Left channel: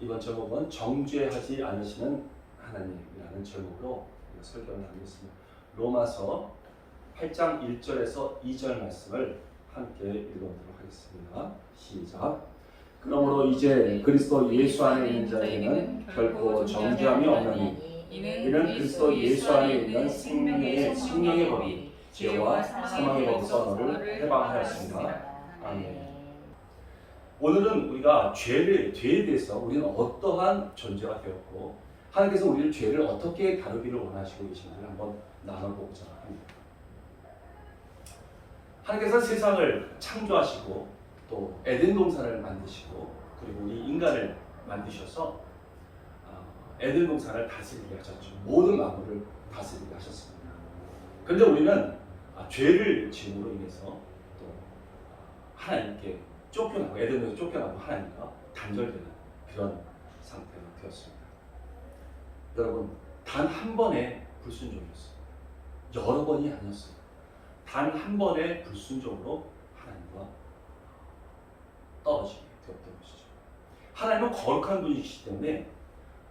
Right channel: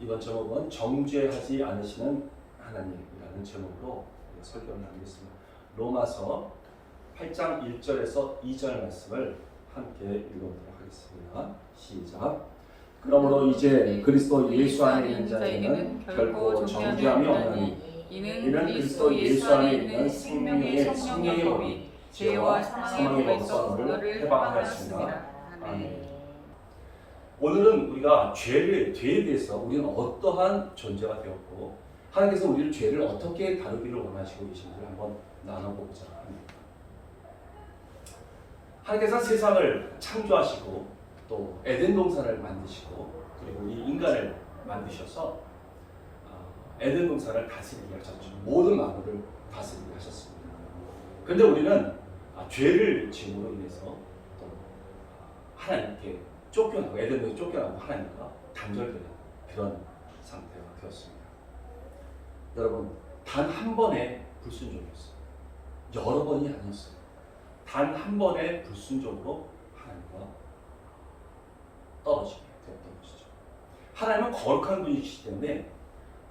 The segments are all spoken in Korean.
이번 제목은 정죄하지 않으시는 하나님이라는 제목으로 우리가 설교를 나누겠습니다. 로마서 8장 1절에서 2절 말씀을 함께 읽어보도록 하겠습니다. 시작. 그러므로 이제 그리스도 예수 안에 있는 자에게는 결코 정죄함이 없나니 이는 그리스도 예수 안에 있는 생명의 성령의 법이 죄와 사망의 법에서 너를 해방하였습니다. 아멘. 오늘은 우리가 죄에 대해서 우리는 어떠한 존재가 되었고 하나님께서 우리를 죄를 어떻게 다루기를 원하시고 계신지를 한번 나눠보고자 합니다. 하나님께서 세상을 창조하시고 또 에덴 동산을 만드시고 그리고 우리 인간을 만드셔서 에덴 동산을 다스리게 하셨죠. 모든 만물을 다스리게 하셨습니다. 그런데 우리는 죄를 지음으로 인해서 또 하나님께 쫓겨나고 에덴에서 쫓겨나고 하나님과 단절되는 그런 상태가 되었습니다. 여러분, 단 한 번의 불순종이었습니다. 여러 번이 아니었어요. 단 한 번의 불순종으로 하나님과 떨어지게 되었던 것이죠. 하나님은 거룩한 분이시기 때문에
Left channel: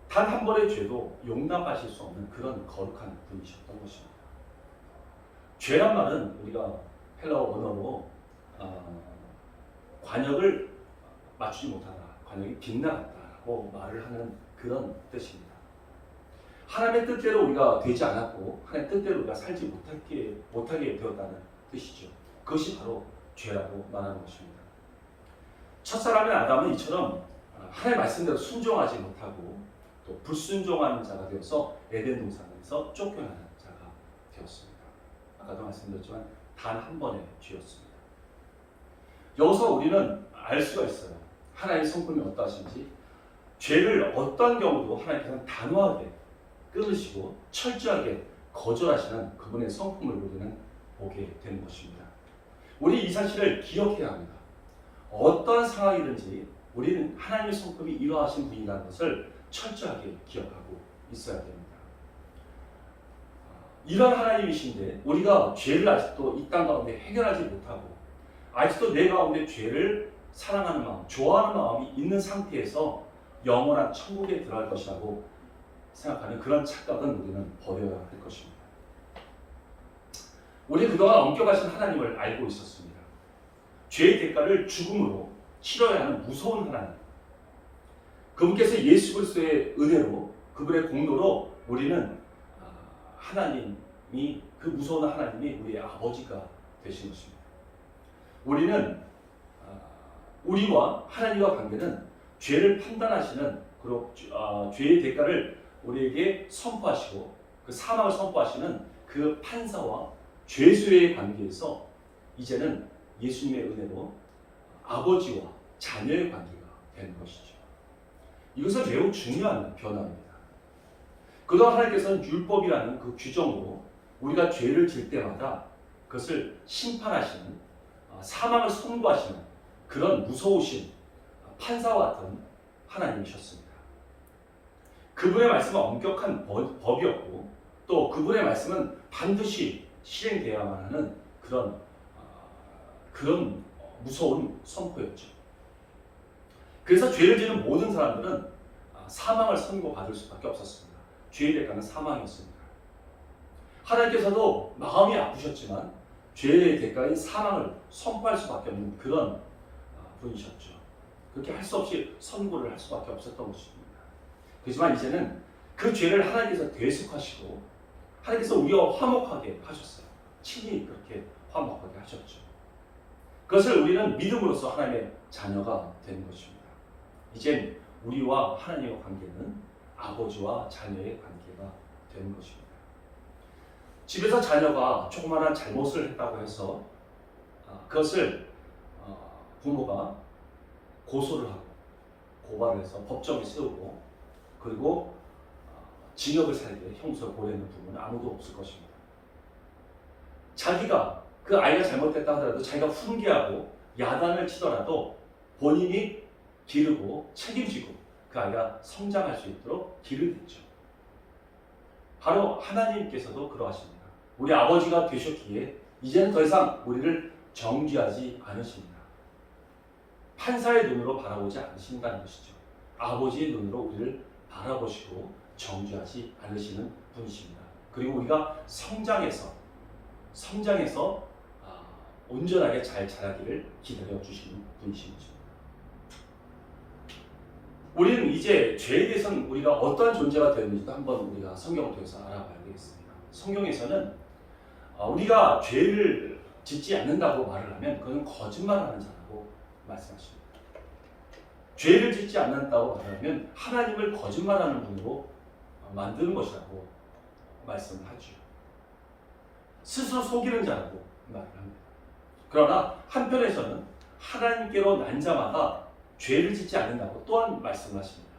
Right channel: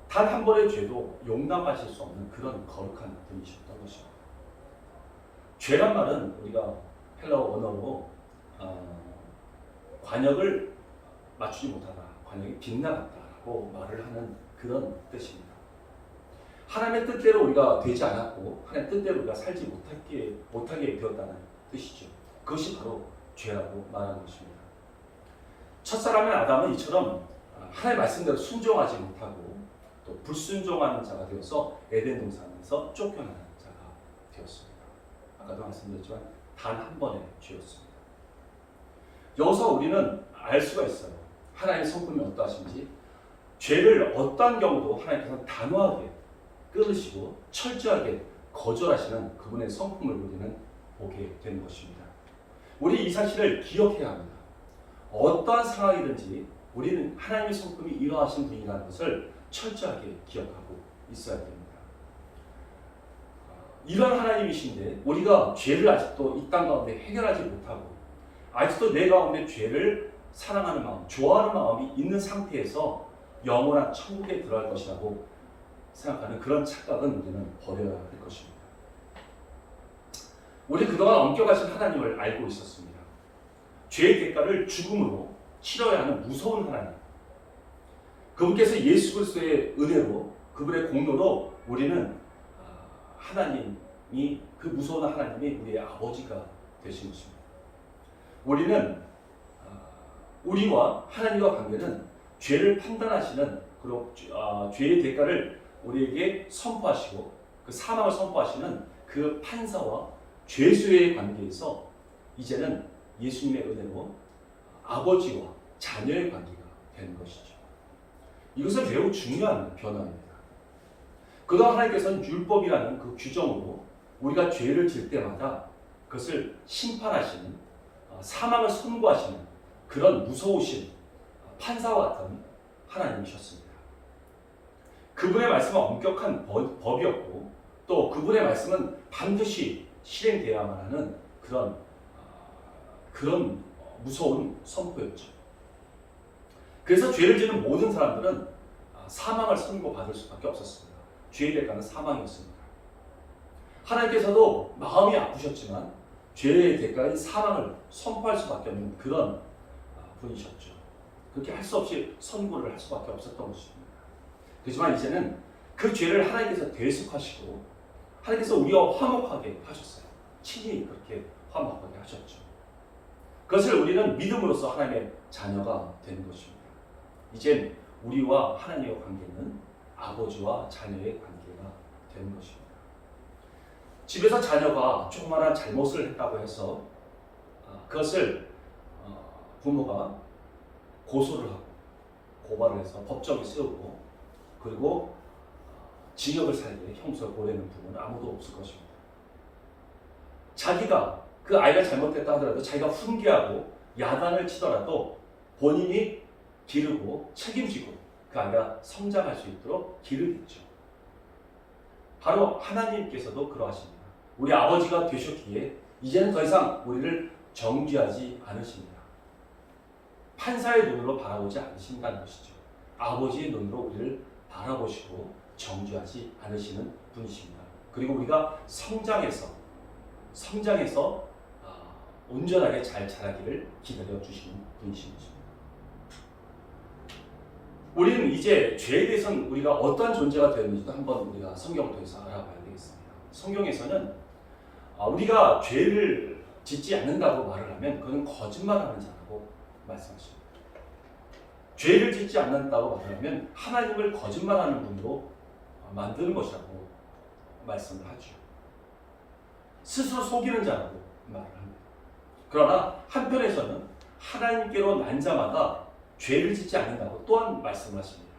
단 한 번의 죄도 용납하실 수 없는 그런 거룩한 분이셨던 것입니다. 죄란 말은 우리가 헬라어 언어로 관역을 맞추지 못하다, 관역이 빗나갔다고 말을 하는 그런 뜻입니다. 하나님의 뜻대로 우리가 되지 않았고 하나님의 뜻대로 우리가 살지 못하게 되었다는 뜻이죠. 그것이 바로 죄라고 말하는 것입니다. 첫사람의 아담은 이처럼 하나님의 말씀대로 순종하지 못하고 또 불순종하는 자가 되어서 에덴 동산에서 쫓겨나는 자가 되었습니다. 아까도 말씀드렸지만 단 한 번의 죄였습니다. 여기서 우리는 알 수가 있어요. 하나님의 성품이 어떠하신지. 죄를 어떤 경우도 하나님께서는 단호하게 끊으시고 철저하게 거절하시는 그분의 성품을 우리는 보게 되는 것입니다. 우리 이 사실을 기억해야 합니다. 어떠한 상황이든지 우리는 하나님의 성품이 이러하신 분이라는 것을 철저하게 기억하고 있어야 됩니다. 이런 하나님이신데 우리가 죄를 아직도 이 땅 가운데 해결하지 못하고 아직도 내 가운데 죄를 사랑하는 마음, 좋아하는 마음이 있는 상태에서 영원한 천국에 들어갈 것이라고 생각하는 그런 착각은 우리는 버려야 할 것입니다. 우리 그동안 엄격하신 하나님을 알고 있었습니다. 죄의 대가를 죽음으로 치러야 하는 무서운 하나님. 그분께서 예수 그리스도의 은혜로 그분의 공로로 우리는 하나님이 그 무서운 하나님이 우리의 아버지가 되신 것입니다. 우리는 우리와 하나님과 관계는 죄를 판단하시는 그리고 죄의 대가를 우리에게 선포하시고 그 사망을 선포하시는 그 판사와 죄수의 관계에서 이제는 예수님의 은혜로 아버지와 자녀의 관계가 되는 것이죠. 이것은 매우 중요한 변화입니다. 그동안 하나님께서는 율법이라는 그 규정으로 우리가 죄를 질 때마다 그것을 심판하시는 사망을 선고하시는 그런 무서우신 판사와 같은 하나님이셨습니다. 그분의 말씀은 엄격한 법이었고 또 그분의 말씀은 반드시 실행되어야만 하는 그런 무서운 선포였죠. 그래서 죄를 지는 모든 사람들은 사망을 선고받을 수밖에 없었습니다. 죄의 대가는 사망이었습니다. 하나님께서도 마음이 아프셨지만 죄의 대가인 사망을 선포할 수밖에 없는 그런 분이셨죠. 그렇게 할 수 없이 선고를 할 수밖에 없었던 것입니다. 그렇지만 이제는 그 죄를 하나님께서 대속하시고 하나님께서 우리와 화목하게 하셨어요. 친히 그렇게 화목하게 하셨죠. 그것을 우리는 믿음으로써 하나님의 자녀가 된 것입니다. 이제 우리와 하나님의 관계는 아버지와 자녀의 관계가 된 것입니다. 집에서 자녀가 조그마한 잘못을 했다고 해서 그것을 부모가 고소를 하고 고발을 해서 법정에 세우고 그리고 징역을 살게 형사를 보내는 부모는 아무도 없을 것입니다. 자기가 그 아이가 잘못했다 하더라도 자기가 훈계하고 야단을 치더라도 본인이 기르고 책임지고 그 아이가 성장할 수 있도록 길을 댔죠. 바로 하나님께서도 그러하십니다. 우리 아버지가 되셨기에 이제는 더 이상 우리를 정죄하지 않으십니다. 판사의 눈으로 바라보지 않으신다는 것이죠. 아버지의 눈으로 우리를 바라보시고 정죄하지 않으시는 분이십니다. 그리고 우리가 성장해서 온전하게 잘 자라기를 기다려 주시는 분이신 것입니다. 우리는 이제 죄에 대해서는 우리가 어떤 존재가 되었는지도 한번 우리가 성경을 통해서 알아봐야 되겠습니다. 성경에서는 우리가 죄를 짓지 않는다고 말을 하면 그건 거짓말하는 자라고 말씀하십니다. 죄를 짓지 않는다고 말을 하면 하나님을 거짓말하는 분으로 만드는 것이라고 말씀을 하죠. 스스로 속이는 자라고 말을 합니다. 그러나 한편에서는 하나님께로 난 자마다 죄를 짓지 않는다고 또한 말씀하십니다.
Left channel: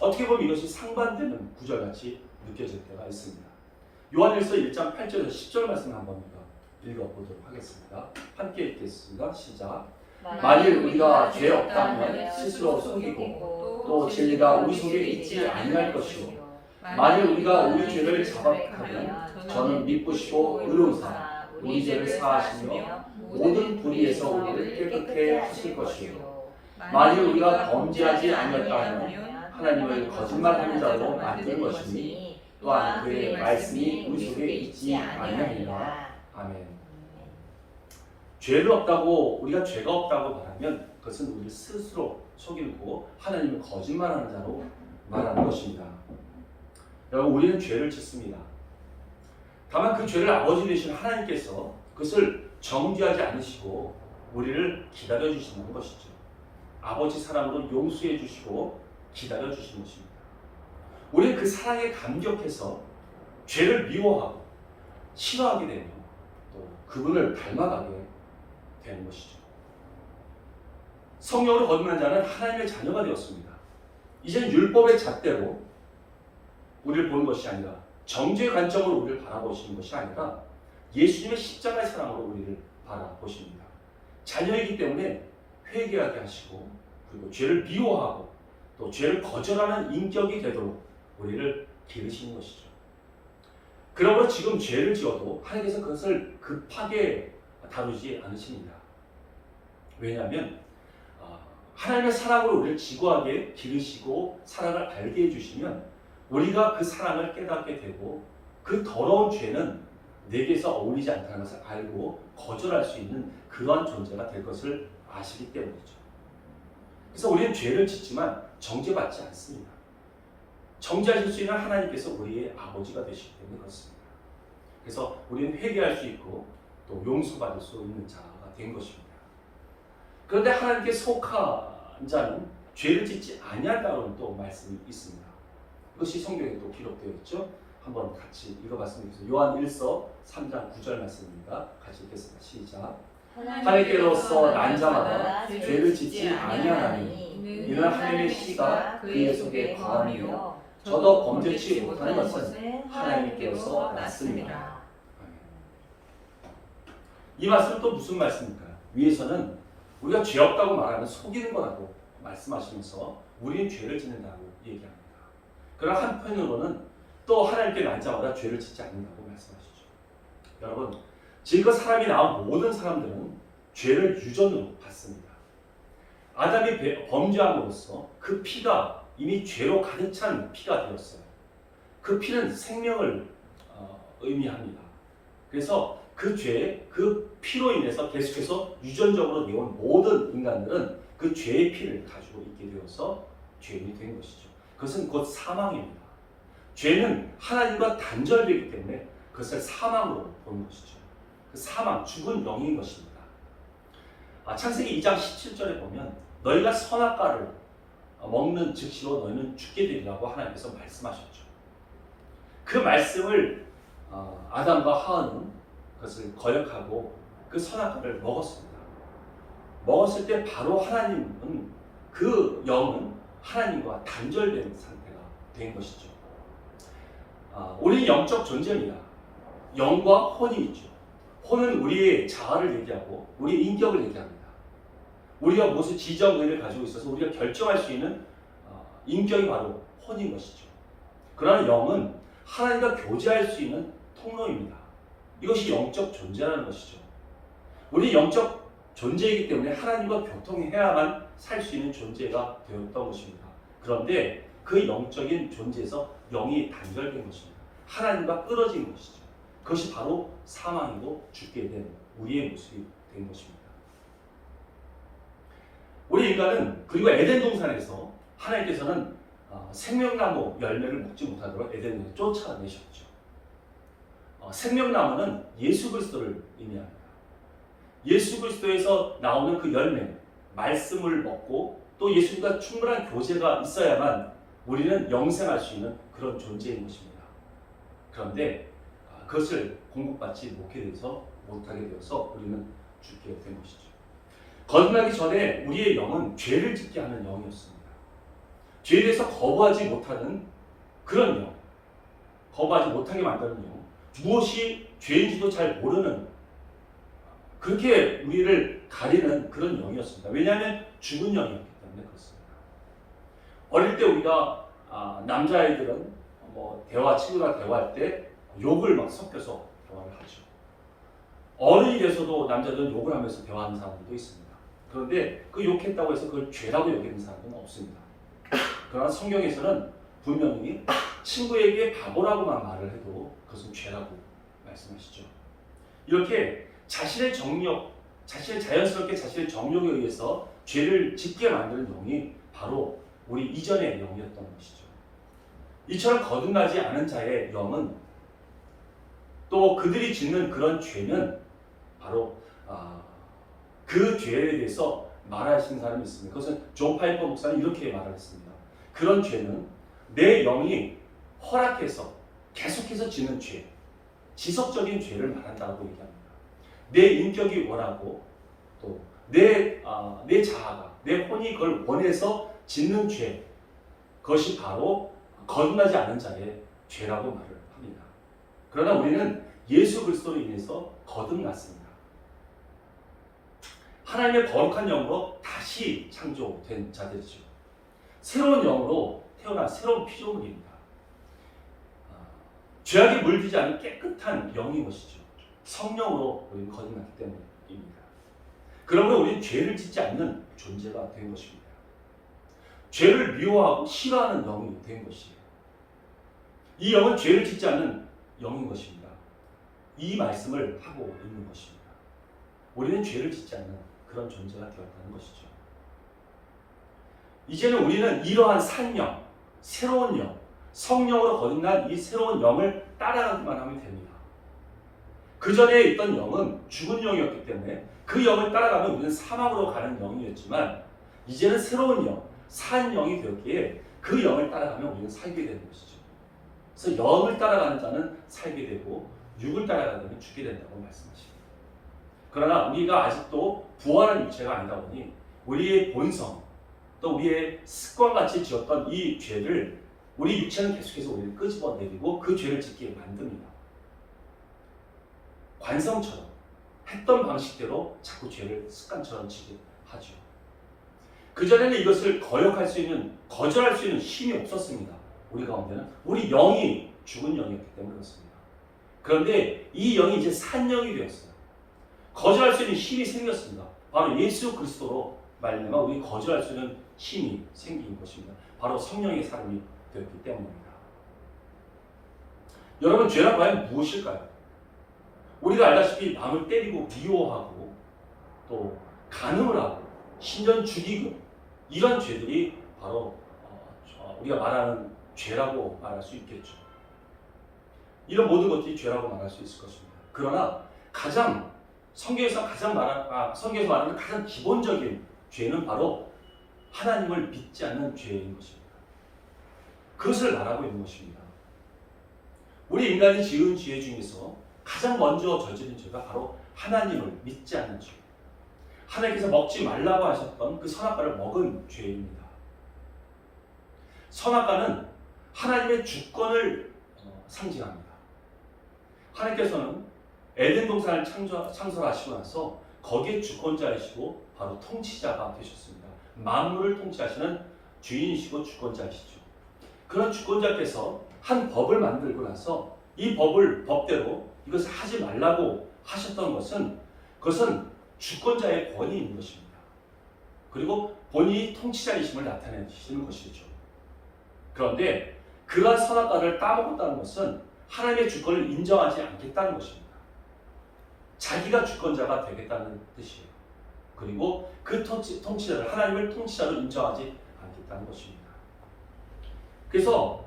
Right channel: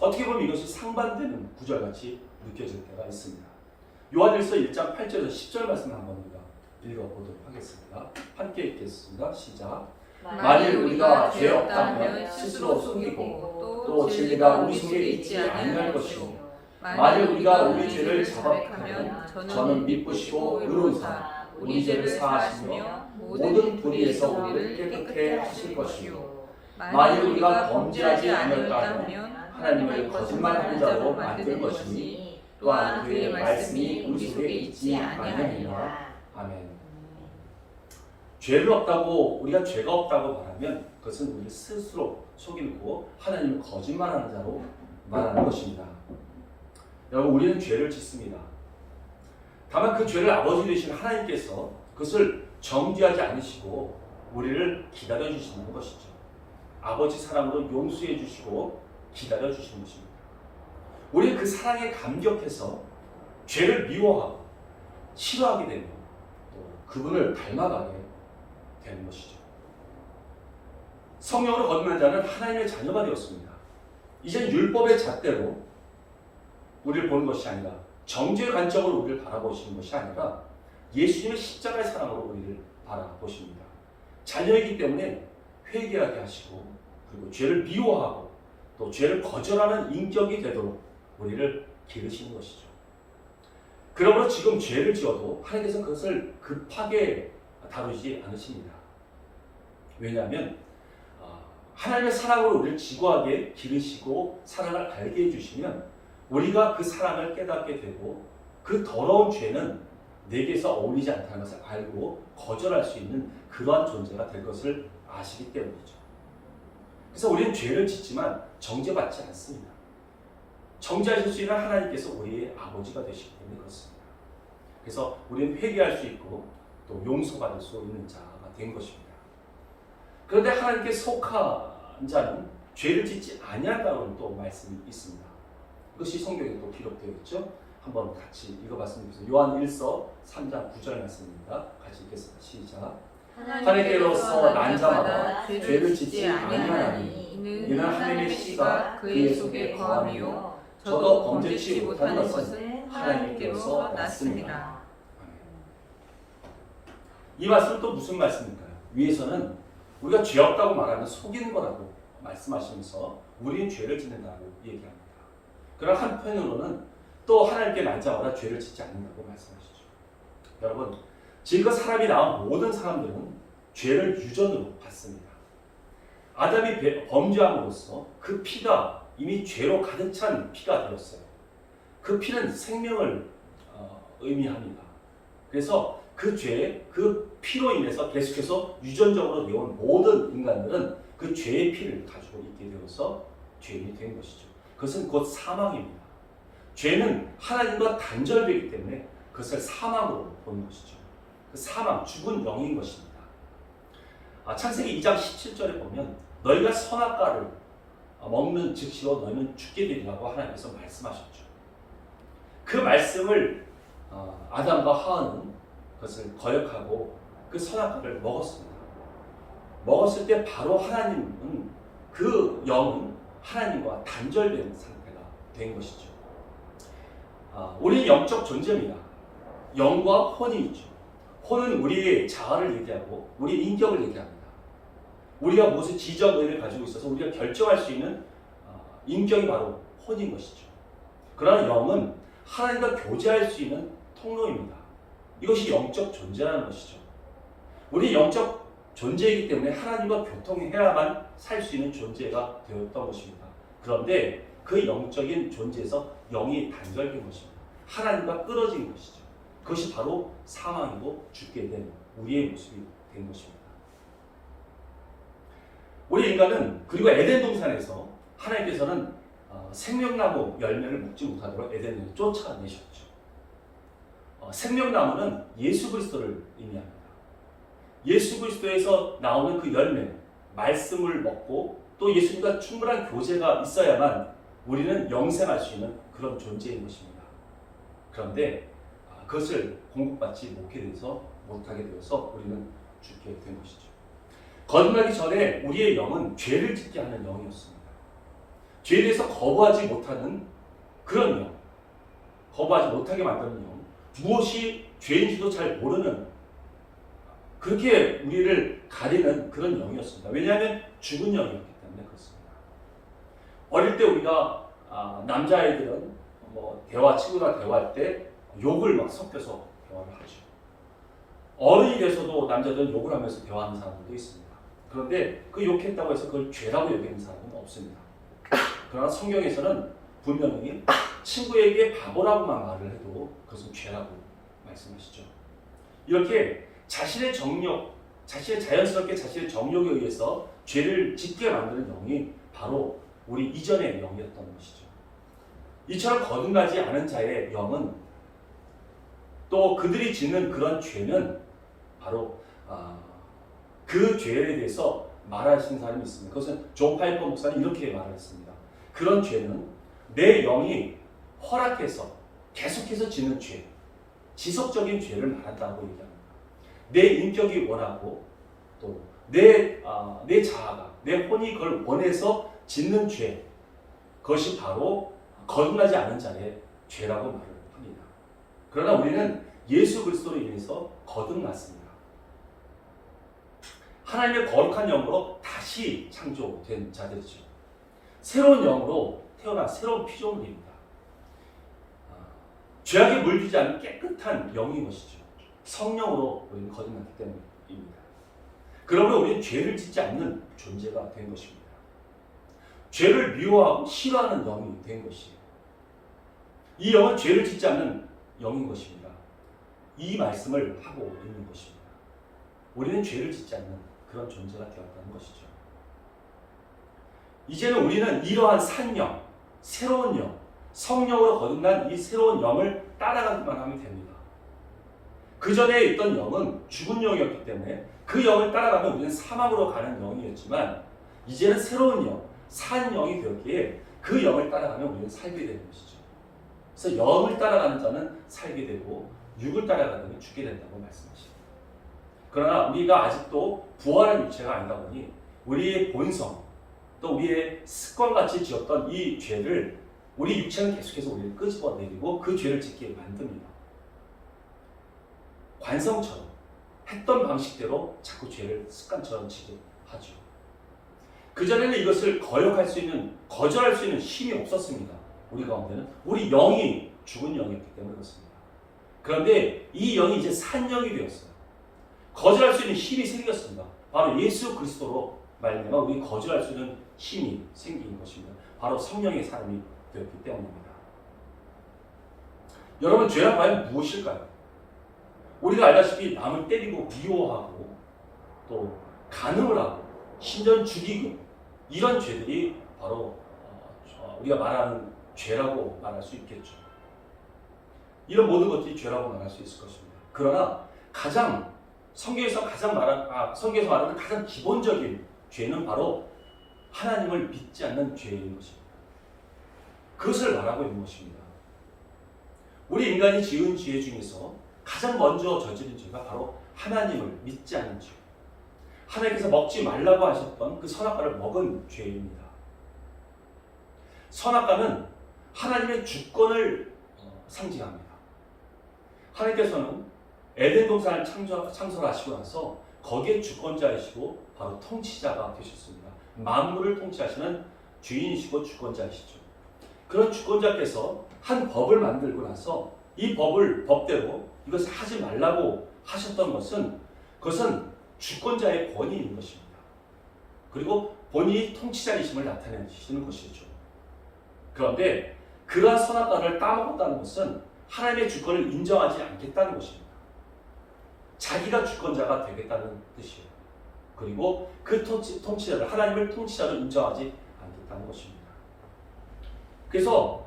어떻게 보면 이것이 상반되는 구절같이 느껴질 때가 있습니다. 요한일서 1장 8절에서 10절 말씀을 한번 우리가 읽어보도록 하겠습니다. 함께 읽겠습니다. 시작. 만일 우리가 죄 없다면 스스로 속이고 또 진리가 우리 속에 있지 아니할 것이요 만일 우리가 우리 죄를 자박하면 저는 믿으시고 의로우사 우리 죄를 사하시며 모든 불의에서 우리를 깨끗게 하실 것이요 만일 우리가 범죄하지 아니었다면 하나님을 거짓말하는 자로 만들 것이니 또한 그의 말씀이 우리 속에 있지 아니하리라. 아멘. 죄를 없다고 우리가 죄가 없다고 말하면 그것은 우리 스스로 속이고 하나님을 거짓말하는 자로 말하는 것입니다. 여러분 우리는 죄를 짓습니다. 다만 그 죄를 아버지 되신 하나님께서 그것을 정죄하지 않으시고 우리를 기다려 주시는 것이죠. 아버지 사랑으로 용서해 주시고 기다려 주시는 것입니다. 우리는 그 사랑에 감격해서 죄를 미워하고 싫어하게 되며 또 그분을 닮아가게 되는 것이죠. 성령으로 거듭난 자는 하나님의 자녀가 되었습니다. 이제 율법의 잣대로 우리를 보는 것이 아니라 정죄의 관점으로 우리를 바라보시는 것이 아니라 예수님의 십자가의 사랑으로 우리를 바라보십니다. 자녀이기 때문에 회개하게 하시고 그리고 죄를 미워하고 또 죄를 거절하는 인격이 되도록 우리를 기르시는 것이죠. 그러므로 지금 죄를 지어도 하나님께서 그것을 급하게 다루지 않으십니다. 왜냐하면 하나님의 사랑으로 우리를 지고하게 기르시고 사랑을 알게 해주시면 우리가 그 사랑을 깨닫게 되고 그 더러운 죄는 내게서 어울리지 않다는 것을 알고 거절할 수 있는 그러한 존재가 될 것을 아시기 때문이죠. 그래서 우리는 죄를 짓지만 정죄받지 않습니다. 정죄하실 수 있는 하나님께서 우리의 아버지가 되시기 때문에 그렇습니다. 그래서 우리는 회개할 수 있고 또 용서받을 수 있는 자가 된 것입니다. 그런데 하나님께 속한 자는 죄를 짓지 아니한다는 또 말씀이 있습니다. 이것이 성경에 또 기록되어 있죠. 한번 같이 읽어봤으면 좋겠습니다. 요한 1서 3장 9절 말씀입니다. 같이 읽겠습니다. 시작. 하나님께로서 난 자마다 죄를 짓지 아니하나니 이는 하나님의 씨가 그의 속에 거하며 저도 범죄치 못하는 것은 하나님께로서 났습니다. 이 말씀은 또 무슨 말씀일까요? 위에서는 우리가 죄 없다고 말하면 속이는 거라고 말씀하시면서 우리는 죄를 짓는다고 얘기합니다. 그러나 한편으로는 또 하나님께 난 자마다 죄를 짓지 않는다고 말씀하시죠. 여러분, 지금껏 사람이 나온 모든 사람들은 죄를 유전으로 받습니다. 아담이 범죄함으로써 그 피가 이미 죄로 가득 찬 피가 되었어요. 그 피는 생명을 의미합니다. 그래서 그 죄, 그 피로 인해서 계속해서 유전적으로 내온 모든 인간들은 그 죄의 피를 가지고 있게 되어서 죄인이 된 것이죠. 그것은 곧 사망입니다. 죄는 하나님과 단절되기 때문에 그것을 사망으로 보는 것이죠. 그 사망, 죽은 영인 것입니다. 창세기 2장 17절에 보면 너희가 선악과를 먹는 즉시로 너희는 죽게 되리라고 하나님께서 말씀하셨죠. 그 말씀을 아담과 하와는 그것을 거역하고 그 선악과를 먹었습니다. 먹었을 때 바로 하나님은 그 영은 하나님과 단절된 상태가 된 것이죠. 우리는 영적 존재입니다. 영과 혼이 있죠. 혼은 우리의 자아를 얘기하고 우리의 인격을 얘기합니다. 우리가 무엇을 지정의를 가지고 있어서 우리가 결정할 수 있는 인격이 바로 혼인 것이죠. 그러나 영은 하나님과 교제할 수 있는 통로입니다. 이것이 영적 존재라는 것이죠. 우리 영적 존재이기 때문에 하나님과 교통해야만 살 수 있는 존재가 되었던 것입니다. 그런데 그 영적인 존재에서 영이 단절된 것입니다. 하나님과 끊어진 것이죠. 그것이 바로 사망이고 죽게 된 우리의 모습이 된 것입니다. 우리 인간은 그리고 에덴 동산에서 하나님께서는 생명나무 열매를 먹지 못하도록 에덴을 쫓아내셨죠. 생명나무는 예수 그리스도를 의미합니다. 예수 그리스도에서 나오는 그 열매, 말씀을 먹고 또 예수님과 충분한 교제가 있어야만 우리는 영생할 수 있는 그런 존재인 것입니다. 그런데 그것을 공급받지 못하게 되어서 우리는 죽게 된 것이죠. 거듭나기 전에 우리의 영은 죄를 짓게 하는 영이었습니다. 죄에 대해서 거부하지 못하는 그런 영, 거부하지 못하게 만드는 영, 무엇이 죄인지도 잘 모르는 그렇게 우리를 가리는 그런 영이었습니다. 왜냐하면 죽은 영이었기 때문에 그렇습니다. 어릴 때 우리가 남자아이들은 친구랑 대화할 때 욕을 막 섞여서 대화를 하죠. 어른이 돼서도 남자들은 욕을 하면서 대화하는 사람들도 있습니다. 그런데 그 욕했다고 해서 그걸 죄라고 여기는 사람은 없습니다. 그러나 성경에서는 분명히 친구에게 바보라고만 말을 해도 그것은 죄라고 말씀하시죠. 이렇게 자신의 자연스럽게 자신의 정욕에 의해서 죄를 짓게 만드는 영이 바로 우리 이전의 영이었던 것이죠. 이처럼 거듭나지 않은 자의 영은 또 그들이 짓는 그런 죄는 바로 그 죄에 대해서 말하신 사람이 있습니다. 그것은 존 파이퍼 목사는 이렇게 말을 했습니다. 그런 죄는 내 영이 허락해서 계속해서 짓는 죄, 지속적인 죄를 말한다고 얘기합니다. 내 인격이 원하고 또 내 자아가, 내 혼이 그걸 원해서 짓는 죄, 그것이 바로 거듭나지 않은 자의 죄라고 말을 합니다. 그러나 우리는 예수 그리스도로 인해서 거듭났습니다. 하나님의 거룩한 영으로 다시 창조된 자들이죠. 새로운 영으로 태어난 새로운 피조물입니다. 죄악에 물들지 않은 깨끗한 영인 것이죠. 성령으로 우리는 거듭났기 때문입니다. 그러므로 우리는 죄를 짓지 않는 존재가 된 것입니다. 죄를 미워하고 싫어하는 영이 된 것이에요. 이 영은 죄를 짓지 않는 영인 것입니다. 이 말씀을 하고 있는 것입니다. 우리는 죄를 짓지 않는 그런 존재가 되었다는 것이죠. 이제는 우리는 이러한 산 영, 새로운 영, 성령으로 거듭난 이 새로운 영을 따라가기만 하면 됩니다. 그 전에 있던 영은 죽은 영이었기 때문에 그 영을 따라가면 우리는 사망으로 가는 영이었지만 이제는 새로운 영, 산 영이 되었기에 그 영을 따라가면 우리는 살게 되는 것이죠. 그래서 영을 따라가는 자는 살게 되고 육을 따라가는 죽게 된다고 말씀하십니다. 그러나 우리가 아직도 부활한 육체가 아니다 보니 우리의 본성, 또 우리의 습관같이 지었던 이 죄를 우리 육체는 계속해서 우리를 끄집어내리고 그 죄를 짓게 만듭니다. 관성처럼 했던 방식대로 자꾸 죄를 습관처럼 지게 하죠. 그전에는 이것을 거역할 수 있는, 거절할 수 있는 힘이 없었습니다. 우리 가운데는 우리 영이 죽은 영이었기 때문에 그렇습니다. 그런데 이 영이 이제 산 영이 되었어요. 거절할 수 있는 힘이 생겼습니다. 바로 예수 그리스도로 말미암아 우리 거절할 수 있는 힘이 생긴 것입니다. 바로 성령의 사람이 되었기 때문입니다. 여러분, 죄란 과연 무엇일까요? 우리가 알다시피 남을 때리고 미워하고 또 간음을 하고 심지어 죽이고 이런 죄들이 바로 우리가 말하는 죄라고 말할 수 있겠죠. 이런 모든 것들이 죄라고 말할 수 있을 것입니다. 그러나 성경에서 말하는 가장 기본적인 죄는 바로 하나님을 믿지 않는 죄인 것입니다. 그것을 말하고 있는 것입니다. 우리 인간이 지은 죄 중에서 가장 먼저 저지른 죄가 바로 하나님을 믿지 않는 죄. 하나님께서 먹지 말라고 하셨던 그 선악과를 먹은 죄입니다. 선악과는 하나님의 주권을 상징합니다. 하나님께서는 에덴 동산을 창설하시고 나서 거기에 주권자이시고 바로 통치자가 되셨습니다. 만물을 통치하시는 주인이시고 주권자이시죠. 그런 주권자께서 한 법을 만들고 나서 이 법대로 이것을 하지 말라고 하셨던 그것은 주권자의 권위인 것입니다. 그리고 본인이 통치자이심을 나타내시는 것이죠. 그런데 그러한 선악과를 따먹었다는 것은 하나님의 주권을 인정하지 않겠다는 것입니다. 자기가 주권자가 되겠다는 뜻이에요. 그리고 그 통치자를 하나님을 통치자로 인정하지 않겠다는 것입니다. 그래서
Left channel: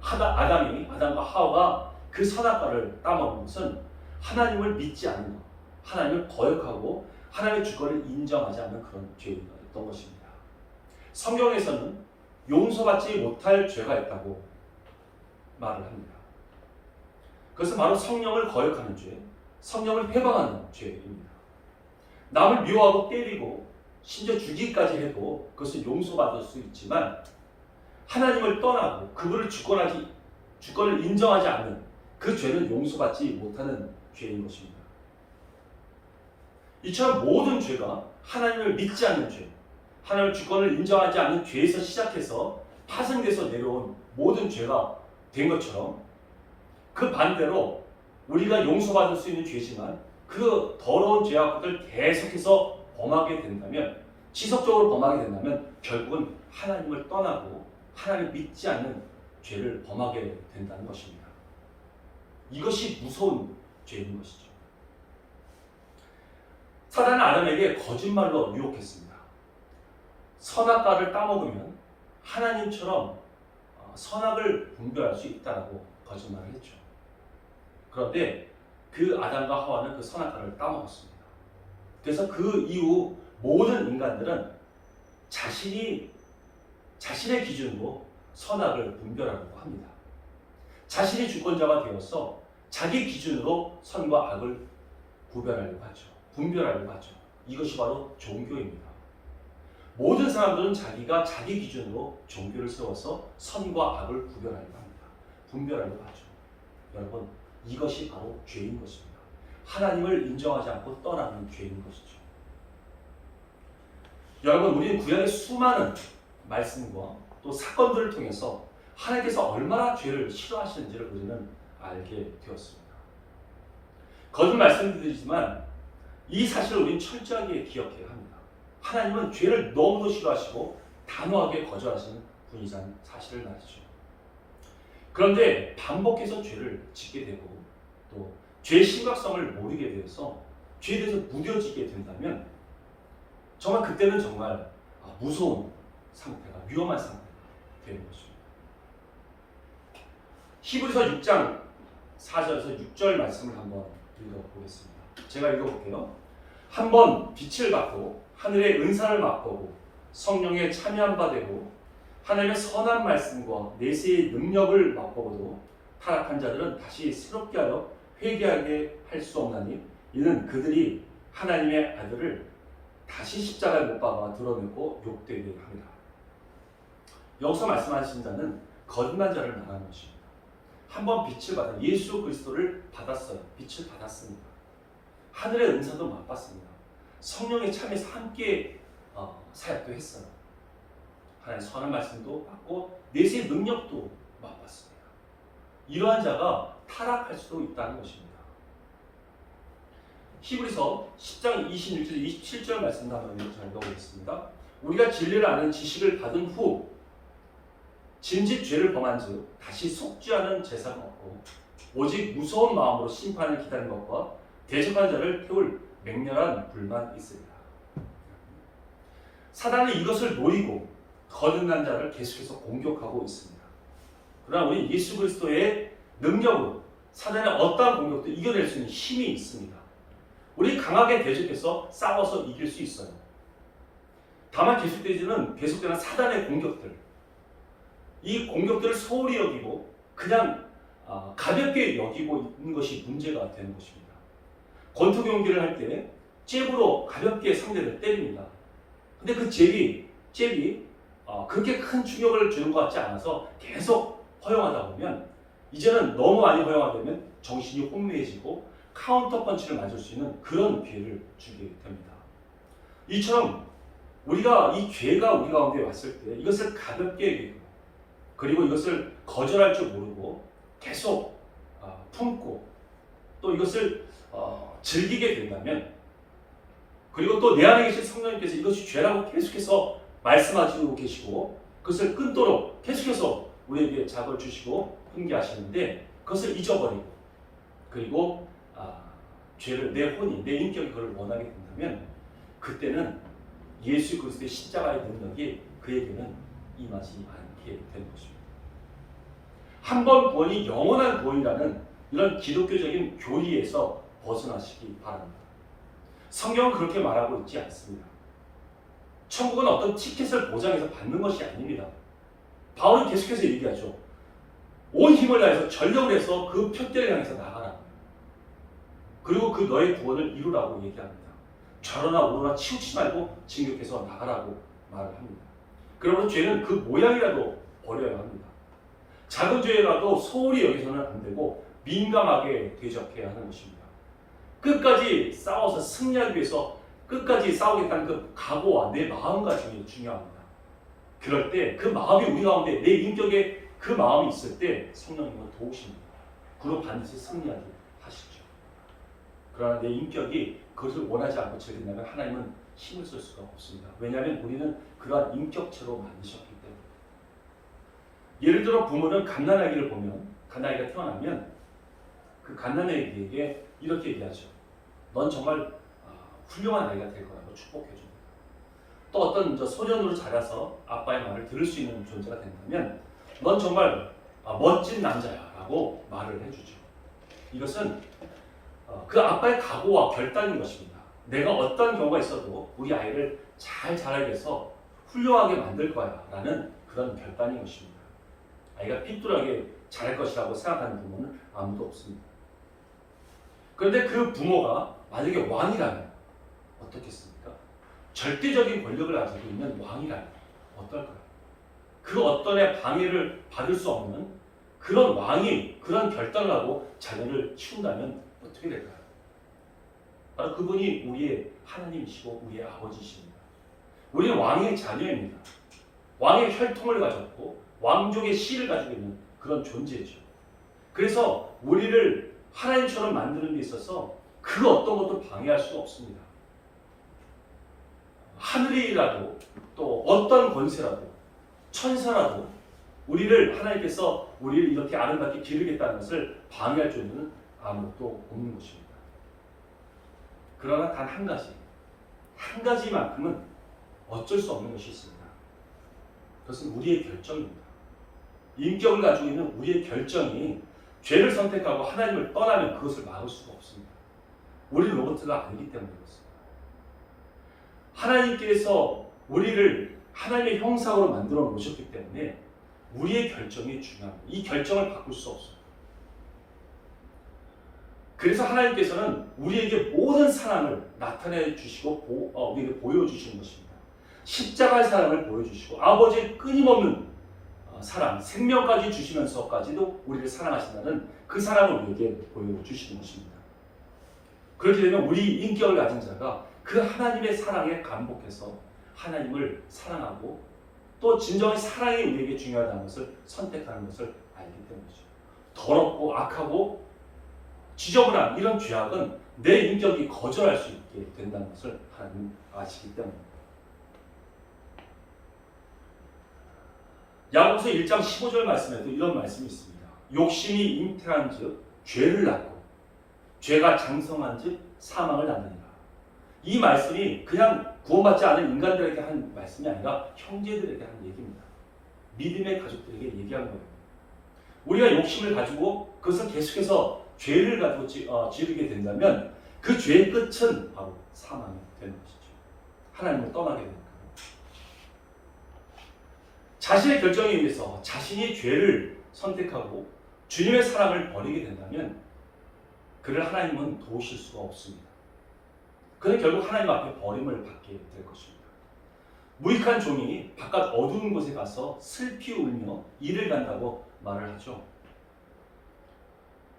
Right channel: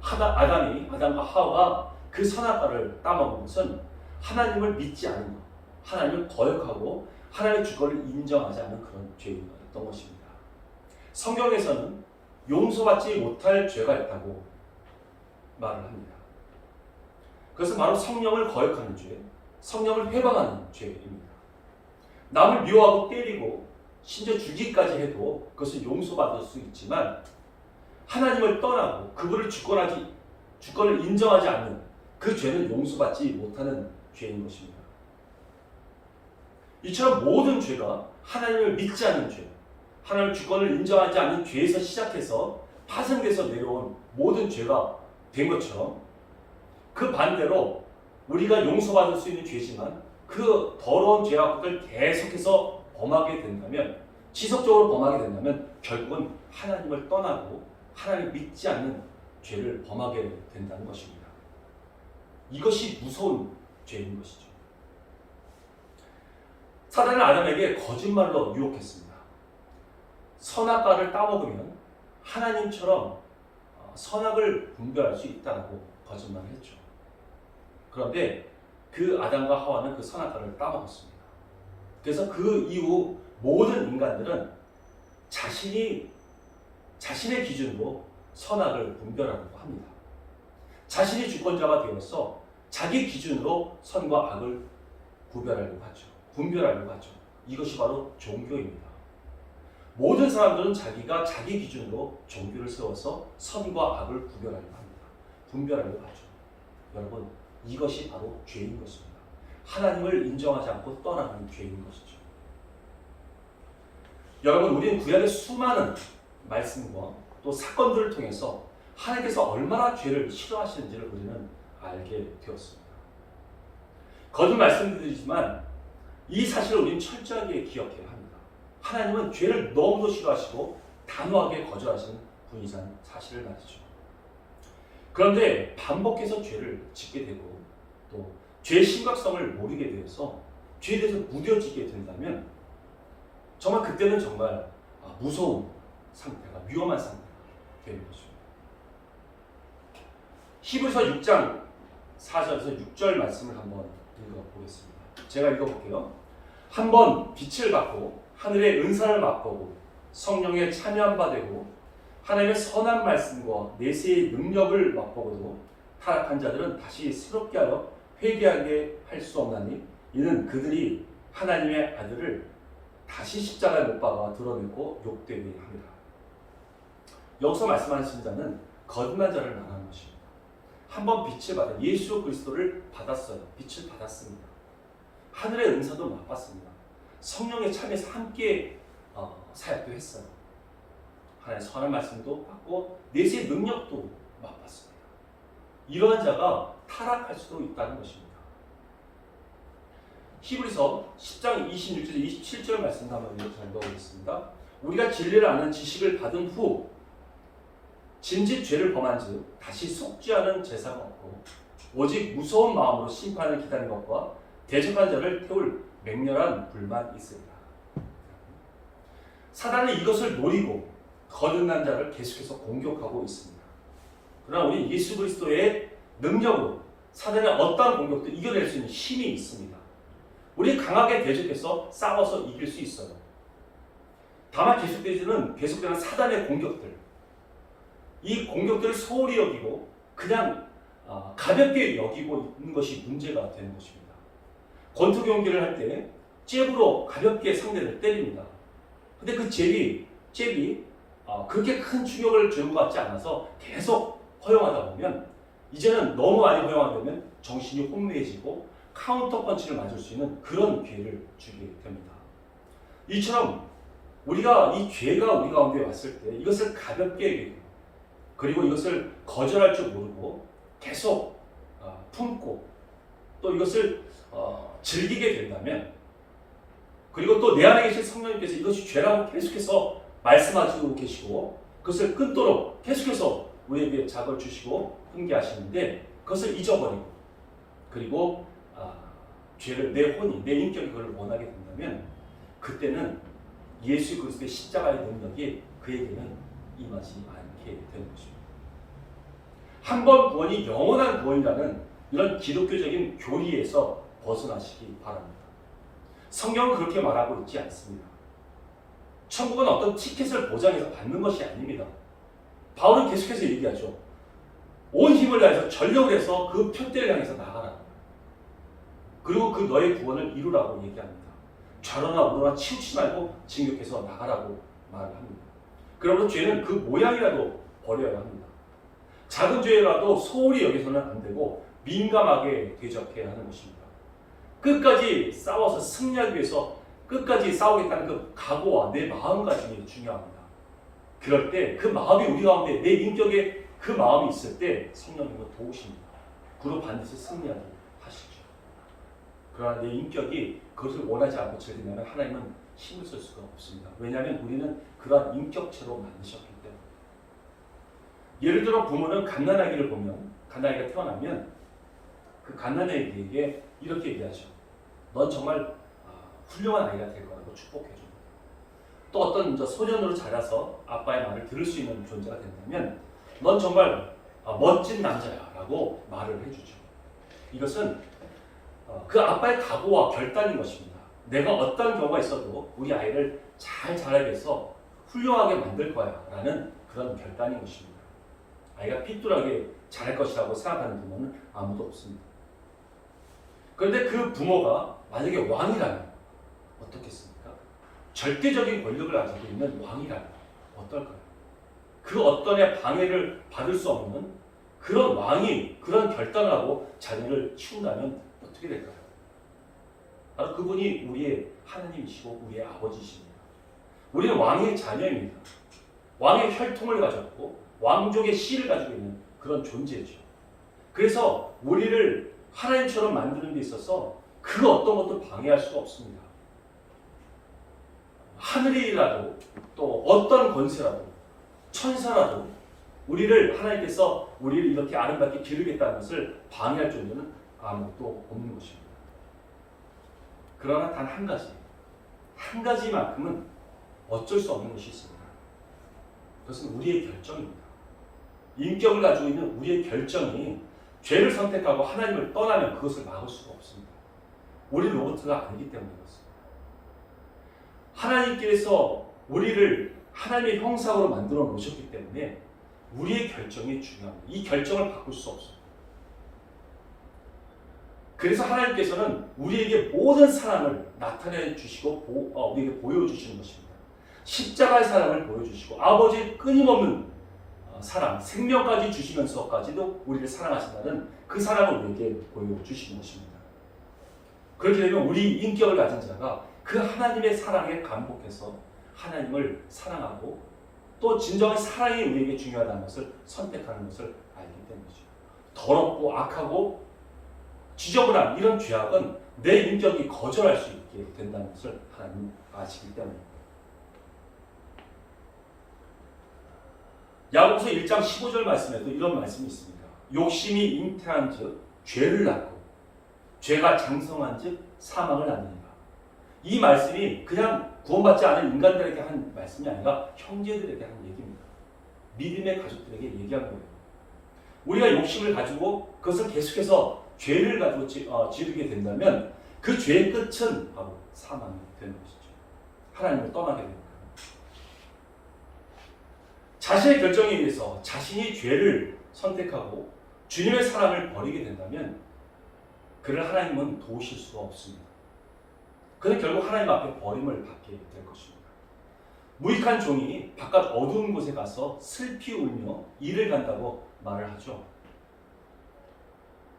아담과 하와가 그 선악과를 따먹은 것은 하나님을 믿지 않은 것, 하나님을 거역하고 하나님의 주권을 인정하지 않는 그런 죄였던 것입니다. 성경에서는 용서받지 못할 죄가 있다고 말을 합니다. 그것은 바로 성령을 거역하는 죄, 성령을 회방하는 죄입니다. 남을 미워하고 때리고 심지어 죽이기까지 해도 그것은 용서받을 수 있지만 하나님을 떠나고 그분을 주권을 인정하지 않는 그 죄는 용서받지 못하는 죄인 것입니다. 이처럼 모든 죄가 하나님을 믿지 않는 죄, 하나님의 주권을 인정하지 않는 죄에서 시작해서 파생돼서 내려온 모든 죄가 된 것처럼 그 반대로 우리가 용서받을 수 있는 죄지만 그 더러운 죄와 것을 계속해서 범하게 된다면, 지속적으로 범하게 된다면 결국은 하나님을 떠나고 하나님을 믿지 않는 죄를 범하게 된다는 것입니다. 이것이 무서운 죄인 것이죠. 사단은 아담에게 거짓말로 유혹했습니다. 선악과를 따먹으면 하나님처럼 선악을 분별할 수 있다고 거짓말을 했죠. 그런데 그 아담과 하와는 그 선악과를 따먹었습니다. 그래서 그 이후 모든 인간들은 자신의 기준으로 선악을 분별하려고 합니다. 자신이 주권자가 되어서 자기 기준으로 선과 악을 분별하려고 하죠. 이것이 바로 종교입니다. 모든 사람들은 자기가 자기 기준으로 종교를 세워서 선과 악을 분별하려고 하죠. 여러분, 이것이 바로 죄인 것입니다. 하나님을 인정하지 않고 떠나는 죄인 것이죠. 여러분, 우리는 구약의 수많은 말씀과 또 사건들을 통해서 하나님께서 얼마나 죄를 싫어하시는지를 우리는 알게 되었습니다. 거듭 말씀드리지만 이 사실을 우리는 철저하게 기억해야 합니다. 하나님은 죄를 너무도 싫어하시고 단호하게 거절하시는 분이라는 사실을 말이죠. 그런데 반복해서 죄를 짓게 되고 또 죄의 심각성을 모르게 되어서 죄에 대해서 무뎌지게 된다면 정말 그때는 정말 무서운 상태가, 위험한 상태가 되는 것입니다. 히브리서 6장 4절에서 6절 말씀을 한번 읽어보겠습니다. 제가 읽어볼게요. 한번 빛을 받고 하늘의 은사를 맛보고 성령에 참여한 바 되고 하나님의 선한 말씀과 내세의 능력을 맛보고도 타락한 자들은 다시 새롭게 하여 회개하게 할 수 없나니 이는 그들이 하나님의 아들을 다시 십자가에 못 박아 드러내고 욕되게 합니다. 여기서 말씀하신 자는 거듭난 자를 말하는 것입니다. 한번 빛을 받아 예수 그리스도를 받았어요. 빛을 받았습니다. 하늘의 은사도 맛봤습니다. 성령의 참여에서 함께 사역도 했어요. 하나님의 선한 말씀도 받고 내세의 능력도 맛봤습니다. 이러한 자가 타락할 수도 있다는 것입니다. 히브리서 10장 26절 27절 말씀도 한번 읽어보겠습니다. 우리가 진리를 아는 지식을 받은 후 진짓 죄를 범한 즉 다시 속죄하는 제사가 없고 오직 무서운 마음으로 심판을 기다리는 것과 대적한 자를 태울 맹렬한 불만 있으리라. 사단은 이것을 노리고 거듭난 자를 계속해서 공격하고 있습니다. 그러나 우리 예수 그리스도의 능력으로 사단의 어떠한 공격도 이겨낼 수 있는 힘이 있습니다. 우리 강하게 대적해서 싸워서 이길 수 있어요. 다만 계속되는 사단의 공격들, 이 공격들을 소홀히 여기고 그냥 가볍게 여기고 있는 것이 문제가 되는 것입니다. 권투 경기를 할 때 잽으로 가볍게 상대를 때립니다. 근데 그 잽이 그렇게 큰 충격을 주는 것 같지 않아서 계속 허용하다 보면 이제는 너무 많이 허용하면 정신이 혼미해지고 카운터 펀치를 맞을 수 있는 그런 기회를 주게 됩니다. 이처럼 우리가 이 죄가 우리 가운데 왔을 때 이것을 가볍게 여기고 그리고 이것을 거절할 줄 모르고 계속 품고 또 이것을 즐기게 된다면 그리고 또 내 안에 계신 성령님께서 이것이 죄라고 계속해서 말씀하시고 계시고 그것을 끊도록 계속해서 우리에게 자극을 주시고 훈계하시는데 그것을 잊어버리고 그리고 죄를 내 혼이 내 인격이 그걸 원하게 된다면 그때는 예수 그리스도의 십자가의 능력이 그에게는 임하지 않게 되는 것입니다. 한 번 구원이 영원한 구원이라는 이런 기독교적인 교리에서 벗어나시기 바랍니다. 성경은 그렇게 말하고 있지 않습니다. 천국은 어떤 티켓을 보장해서 받는 것이 아닙니다. 바울은 계속해서 얘기하죠. 온 힘을 다해서 전력을 해서 그 표대를 향해서 나가라. 그리고 그 너의 구원을 이루라고 얘기합니다. 좌로나 우로나 치우치지 말고 진격해서 나가라고 말을 합니다. 그러므로 죄는 그 모양이라도 버려야 합니다. 작은 죄라도 소홀히 여기서는 안 되고 민감하게 대적해야 하는 것입니다. 끝까지 싸워서 승리하기 위해서 끝까지 싸우겠다는 그 각오와 내 마음가짐이 중요합니다. 그럴 때 그 마음이 우리 가운데 내 인격에 그 마음이 있을 때 성령님은 도우십니다. 그로 반드시 승리하게 하시죠. 그러나 내 인격이 그것을 원하지 않고 즐긴다면 하나님은 힘을 쓸 수가 없습니다. 왜냐하면 우리는 그러한 인격체로 만드셨기 때문에. 예를 들어 부모는 갓난아기를 보면 갓난아기가 태어나면 그 갓난아기에게 이렇게 얘기하죠. 넌 정말 훌륭한 아이가 될 거라고 축복해 줍니다. 또 어떤 소년으로 자라서 아빠의 말을 들을 수 있는 존재가 된다면 넌 정말 멋진 남자야라고 말을 해주죠. 이것은 그 아빠의 각오와 결단인 것입니다. 내가 어떤 경우가 있어도 우리 아이를 잘 자라게 해서 훌륭하게 만들 거야 라는 그런 결단인 것입니다. 아이가 삐뚤하게 자랄 것이라고 생각하는 부모는 아무도 없습니다. 그런데 그 부모가 만약에 왕이라면 어떻겠습니까? 절대적인 권력을 가지고 있는 왕이라면 어떨까요? 그 어떤의 방해를 받을 수 없는 그런 왕이 그런 결단을 하고 자녀를 키운다면 어떻게 될까요? 바로 그분이 우리의 하나님이시고 우리의 아버지이십니다. 우리는 왕의 자녀입니다. 왕의 혈통을 가졌고 왕족의 씨를 가지고 있는 그런 존재죠. 그래서 우리를 하나님처럼 만드는 데 있어서 그 어떤 것도 방해할 수가 없습니다. 하늘이라도 또 어떤 권세라도 천사라도 우리를 하나님께서 우리를 이렇게 아름답게 기르겠다는 것을 방해할 존재는 아무것도 없는 것입니다. 그러나 단 한 가지만큼은 어쩔 수 없는 것이 있습니다. 그것은 우리의 결정입니다. 인격을 가지고 있는 우리의 결정이 죄를 선택하고 하나님을 떠나면 그것을 막을 수가 없습니다. 우리 로봇가 아니기 때문에 그렇습니다. 하나님께서 우리를 하나님의 형상으로 만들어 놓으셨기 때문에 우리의 결정이 중요합니다. 이 결정을 바꿀 수 없습니다. 그래서 하나님께서는 우리에게 모든 사랑을 나타내 주시고 우리에게 보여주시는 것입니다. 십자가의 사랑을 보여주시고 아버지의 끊임없는 사랑, 생명까지 주시면서까지도 우리를 사랑하신다는 그 사랑을 우리에게 보여주시는 것입니다. 그렇게 되면 우리 인격을 가진 자가 그 하나님의 사랑에 감복해서 하나님을 사랑하고 또 진정한 사랑이 우리에게 중요하다는 것을 선택하는 것을 알기 때문이죠. 더럽고 악하고 지저분한 이런 죄악은 내 인격이 거절할 수 있게 된다는 것을 하나님 아시기 때문입니다. 야고보서 1장 15절 말씀에도 이런 말씀이 있습니다. 욕심이 잉태한즉 죄를 낳고 죄가 장성한즉 사망을 낳느니라. 이 말씀이 그냥 구원받지 않은 인간들에게 한 말씀이 아니라 형제들에게 한 얘기입니다. 믿음의 가족들에게 얘기한 거예요. 우리가 욕심을 가지고 그것을 계속해서 죄를 가지고 지르게 된다면 그 죄의 끝은 바로 사망이 되는 것이죠. 하나님을 떠나게 되니까요. 자신의 결정에 의해서 자신이 죄를 선택하고 주님의 사랑을 버리게 된다면 그를 하나님은 도우실 수가 없습니다. 그는 결국 하나님 앞에 버림을 받게 될 것입니다. 무익한 종이 바깥 어두운 곳에 가서 슬피 울며 이를 간다고 말을 하죠.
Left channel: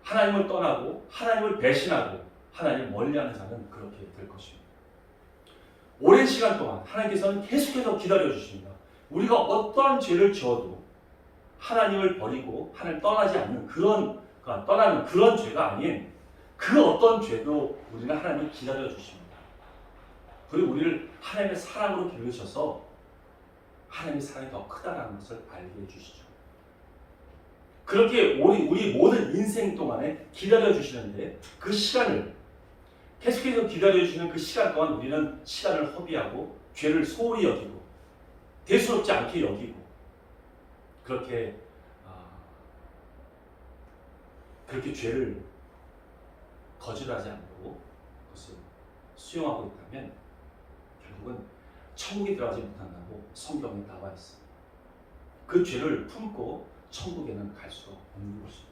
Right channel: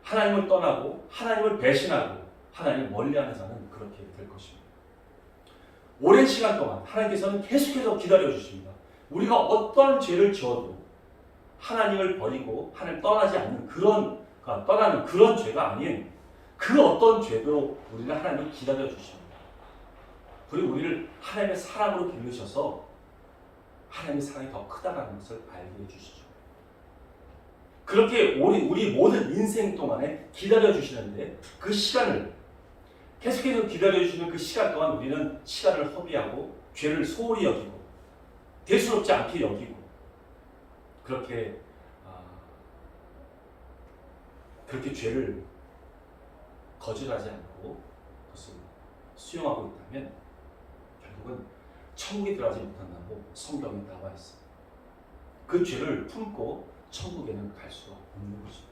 하나님을 떠나고 하나님을 배신하고 하나님을 멀리하는 자는 그렇게 될 것입니다. 오랜 시간 동안 하나님께서는 계속해서 기다려주십니다. 우리가 어떠한 죄를 지어도 하나님을 버리고 하나님을 떠나지 않는 떠나는 그런 죄가 아닌 그 어떤 죄도 우리는 하나님을 기다려주십니다. 그리고 우리를 하나님의 사랑으로 기르셔서 하나님의 사랑이 더 크다는 것을 알게 해주시죠. 그렇게 우리 모든 인생 동안에 기다려주시는데 그 시간을 계속해서 기다려주시는 그 시간 동안 우리는 시간을 허비하고 죄를 소홀히 여기고 대수롭지 않게 여기고 그렇게 죄를 거절하지 않고 그것을 수용하고 있다면 결국은 천국에 들어가지 못한다고 성경에 나와 있습니다. 그 죄를 품고 천국에는 갈 수가 없는 것입니다.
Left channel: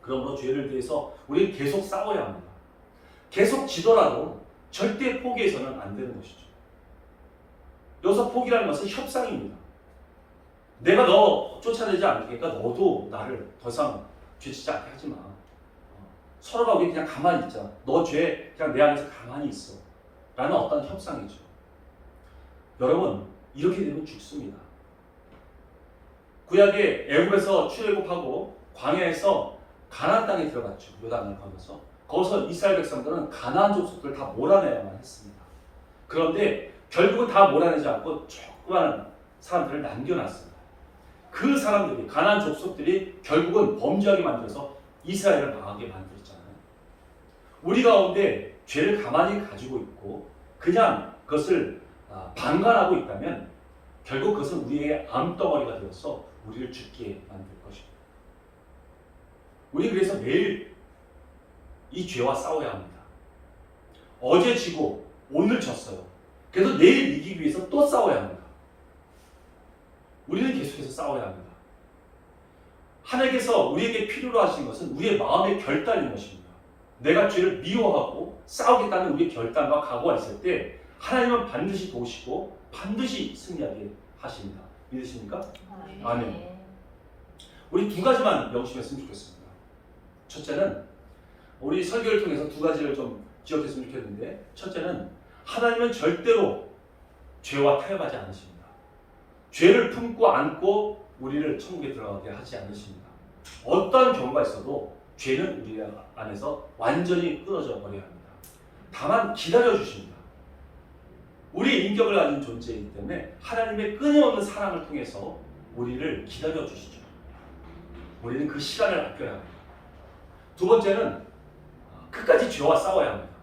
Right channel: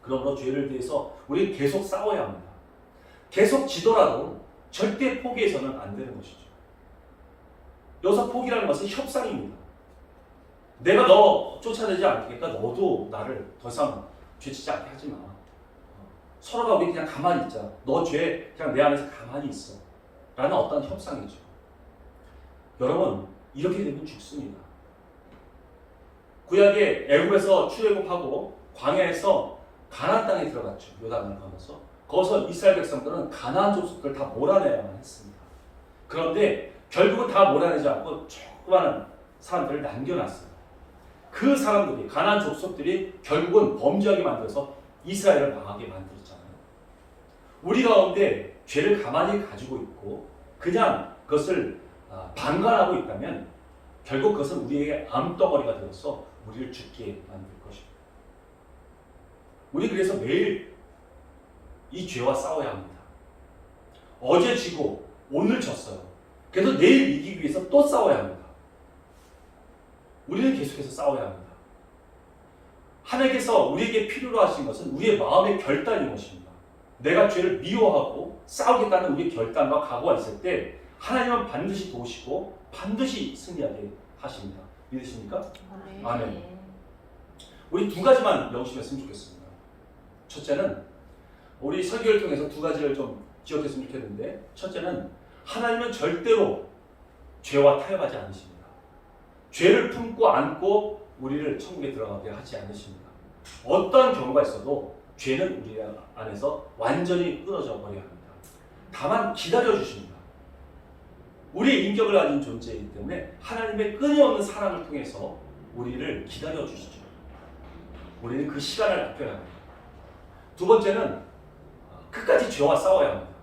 그러므로 죄를 대해서 우리는 계속 싸워야 합니다. 계속 지더라도 절대 포기해서는 안 되는 것이죠. 여기서 포기라는 것은 협상입니다. 내가 너 쫓아내지 않겠다. 너도 나를 더 이상 죄짓지 않게 하지 마. 서로가 우리 그냥 가만히 있자. 너 죄 그냥 내 안에서 가만히 있어. 라는 어떤 협상이죠. 여러분 이렇게 되면 죽습니다. 구약의 애굽에서 출애굽하고 광야에서 가나안 땅에 들어갔죠. 요단을 건너서 거기서 이스라엘 백성들은 가나안 족속들을 다 몰아내야만 했습니다. 그런데 결국은 다 몰아내지 않고 조그마한 사람들을 남겨놨습니다. 그 사람들이 가나안 족속들이 결국은 범죄하게 만들어서 이스라엘을 망하게 만들었잖아요. 우리 가운데 죄를 가만히 가지고 있고 그냥 그것을 방관하고 있다면 결국 그것은 우리의 암덩어리가 되어서 우리를 죽게 만들 것입니다. 우리 그래서 매일 이 죄와 싸워야 합니다. 어제 지고 오늘 졌어요. 그래서 내일 이기기 위해서 또 싸워야 합니다. 우리는 계속해서 싸워야 합니다. 하나님께서 우리에게 필요로 하신 것은 우리의 마음의 결단인 것입니다. 내가 죄를 미워하고 싸우겠다는 우리의 결단과 각오가 있을 때 하나님은 반드시 도우시고 반드시 승리하게 하십니다. 믿으십니까? 아멘. 우리 두 가지만 명심했으면 좋겠습니다. 첫째는 우리 설교를 통해서 두 가지를 좀 기억했으면 좋겠는데 첫째는 하나님은 절대로 죄와 타협하지 않으십니다. 죄를 품고 안고 우리를 천국에 들어가게 하지 않으십니다. 어떠한 경우가 있어도 죄는 우리 안에서 완전히 끊어져 버려야 합니다. 다만 기다려주십니다. 우리의 인격을 가진 존재이기 때문에 하나님의 끊임없는 사랑을 통해서 우리를 기다려주시죠. 우리는 그 시간을 아껴야 합니다. 두 번째는 끝까지 죄와 싸워야 합니다.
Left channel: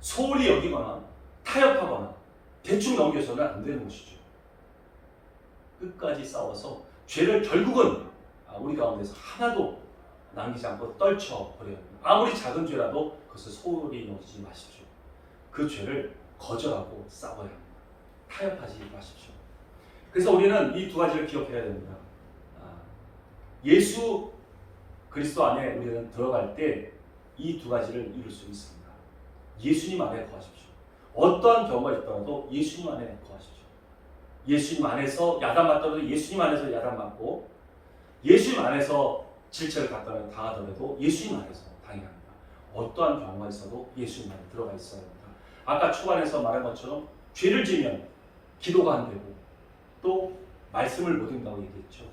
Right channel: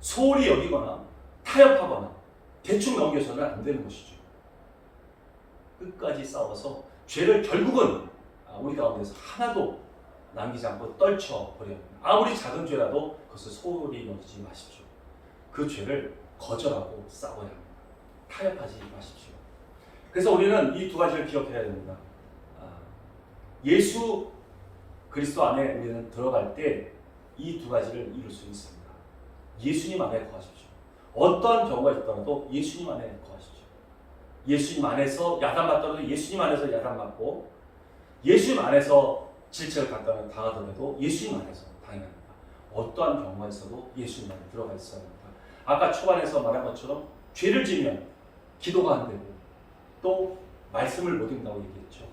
소홀히 여기거나 타협하거나 대충 넘겨서는 안 되는 것이죠. 끝까지 싸워서 죄를 결국은 우리 가운데서 하나도 남기지 않고 떨쳐버려야 합니다. 아무리 작은 죄라도 그것을 소홀히 여기지 마십시오. 그 죄를 거절하고 싸워야 합니다. 타협하지 마십시오. 그래서 우리는 이 두 가지를 기억해야 됩니다. 예수 그리스도 안에 우리는 들어갈 때 이 두 가지를 이룰 수 있습니다. 예수님 안에 거하십시오. 어떠한 경우가 있더라도 예수님 안에 거하십시오. 예수님 안에서 야단맞더라도 예수님 안에서 야단맞고 예수님 안에서 질책을 당하더라도 예수님 안에서 당해합니다. 어떠한 경우가 있어도 예수님 안에 들어가 있어야 합니다. 아까 초반에서 말한 것처럼 죄를 지면 기도가 안 되고 또 말씀을 못 읽는다고 얘기했죠.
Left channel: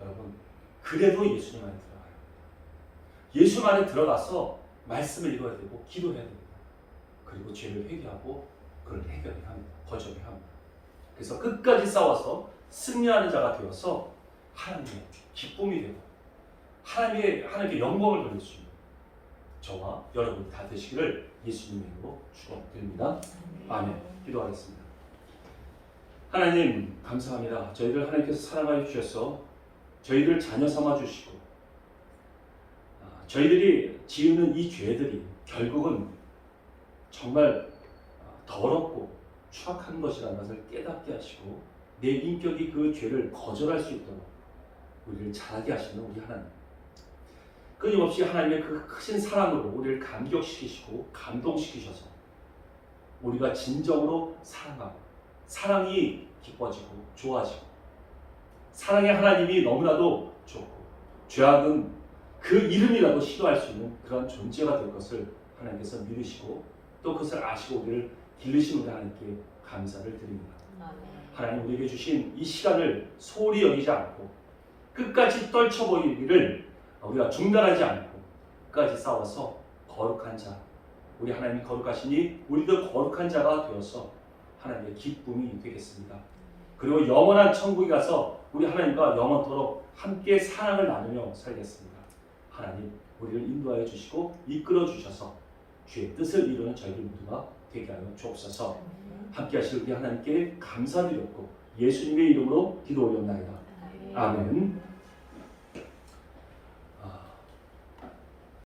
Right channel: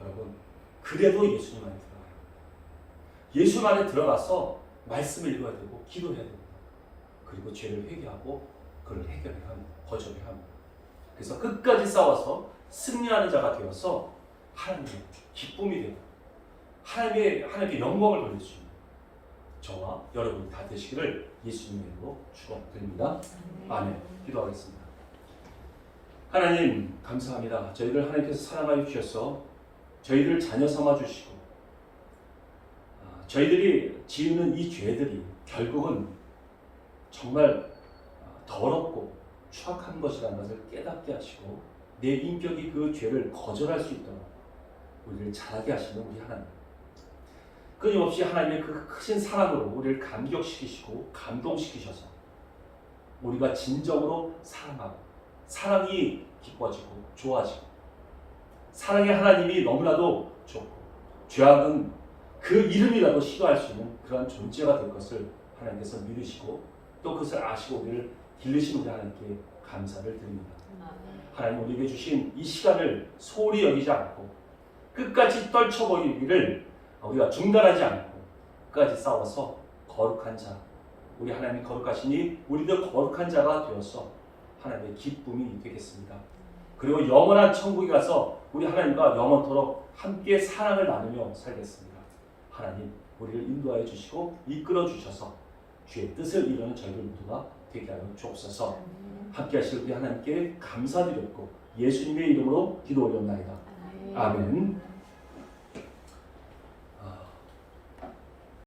여러분 그래도 예수님 안에 들어가야 합니다. 예수님 안에 들어가서 말씀을 읽어야 되고 기도해야 됩니다. 그리고 죄를 회개하고 그걸 해결해야 합니다. 거절해야 합니다. 그래서 끝까지 싸워서 승리하는 자가 되어서 하나님의 기쁨이 되고 하나님께 영광을 돌릴 수 있는 저와 여러분이 다 되시기를 예수님의 이름으로 축원드립니다. 아멘. 기도하겠습니다. 하나님 감사합니다. 저희를 하나님께서 사랑하여 주셔서 저희를 자녀 삼아 주시고 저희들이 지은 이 죄들이 결국은 정말 더럽고 추악한 것이라는 것을 깨닫게 하시고 내 인격이 그 죄를 거절할 수 있도록 우리를 자라게 하시는 우리 하나님, 끊임없이 하나님의 그 크신 사랑으로 우리를 감격시키시고 감동시키셔서 우리가 진정으로 사랑하고 사랑이 기뻐지고 좋아지고 사랑의 하나님이 너무나도 좋고 죄악은 그 이름이라도 싫어할 수 있는 그런 존재가 될 것을 하나님께서 믿으시고 또 그것을 아시고 우리를 기르신 우리 하나님께 감사를 드립니다. 하나님 우리에게 주신 이 시간을 소홀히 여기지 않고 끝까지 떨쳐버리기를 우리가 중단하지 않고 끝까지 싸워서 거룩한 자, 우리 하나님이 거룩하시니 우리도 거룩한 자가 되어서 하나님의 기쁨이 되겠습니다. 그리고 영원한 천국에 가서 우리 하나님과 영원토록 함께 사랑을 나누며 살겠습니다. 하나님 우리를 인도하여 주시고 이끌어 주셔서 주의 뜻을 이루는 저희들 모두가 되게 하여 주옵소서. 함께 하실 우리 하나님께 감사드렸고 예수님의 이름으로 기도 올려옵나이다. 아멘.